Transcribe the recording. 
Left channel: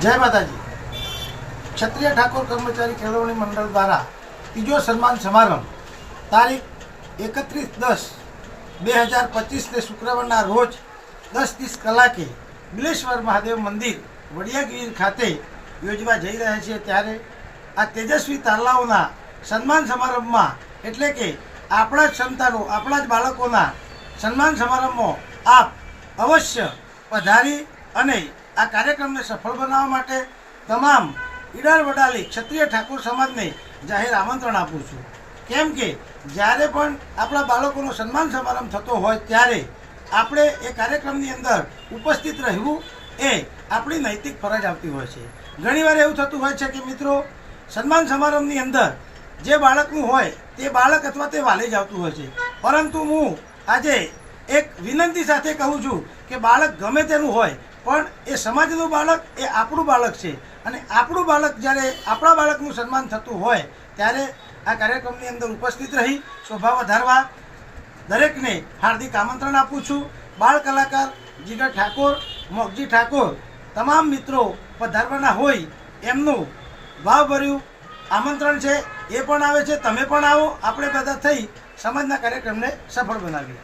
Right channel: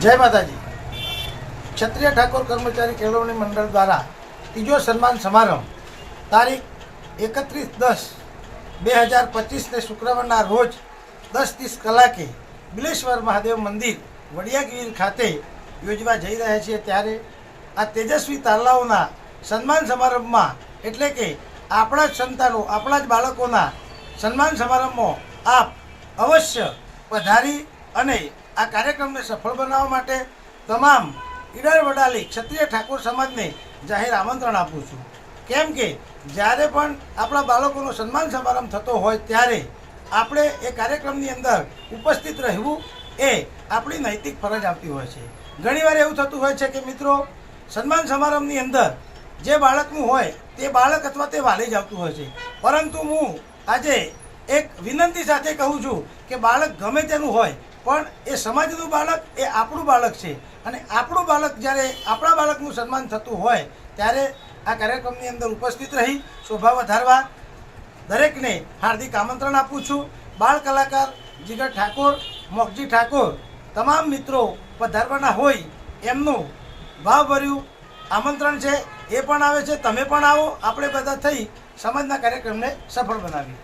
જય માતાજી। ક્ષત્રિય ઠાકોર કર્મચારી કેળવણી મંડળ દ્વારા ત્રીજો સન્માન સમારંભ તારીખ 31/10/2025 શુક્રવારના રોજ 10:30 કલાકે બિલેશ્વર મહાદેવ મંદિર વડિયાગીર ખાતે યોજવા જઈ રહ્યા છીએ। ત્યારે આ તેજસ્વી તારલાઓના સન્માન સમારંભમાં એટલે કે આપણા જ સંતાનો, આપણા જ બાળકોના સન્માન સમારંભમાં આપ અવશ્ય પધારી અને આ કાર્યક્રમને સફળ બનાવવા માટે તમામ ઈડર વડાલી ક્ષત્રિય ઠાકોર સમાજને જાહેર આમંત્રણ આપું છું। કેમ કે જ્યારે પણ આપણા બાળકોનો સન્માન સમારંભ થતો હોય ત્યારે આપણે એ કાર્યક્રમની અંદર ઉપસ્થિત રહેવું એ આપણી નૈતિક ફરજ આવતી હોય છે। ઘણીવાર એવું થતું હોય છે કે મિત્રો, સન્માન સમારંભની અંદર જે બાળકનું હોય તે બાળક અથવા તે વાલી જ આવતું હોય છે, પરંતુ હું આજે એક વિનંતી સાથે કહું છું કે બાળક ગમે તેનું હોય પણ એ સમાજનું બાળક એ આપણું બાળક છે અને આપણું બાળક જ્યારે આપણા બાળકનું સન્માન થતું હોય ત્યારે આ કાર્યક્રમની અંદર ઉપસ્થિત રહી શોભા વધારવા દરેકને હાર્દિક આમંત્રણ આપું છું। બાળ કલાકાર જીગર ઠાકોર, મોગજી ઠાકોર તમામ મિત્રો પધારવાના હોય એમનું ભાવભર્યું આમંત્રણ છે। એ પણ આવે છે, તમે પણ આવો, આપણે બધા થઈ સમાજના કાર્યક્રમને સફળ બનાવીએ।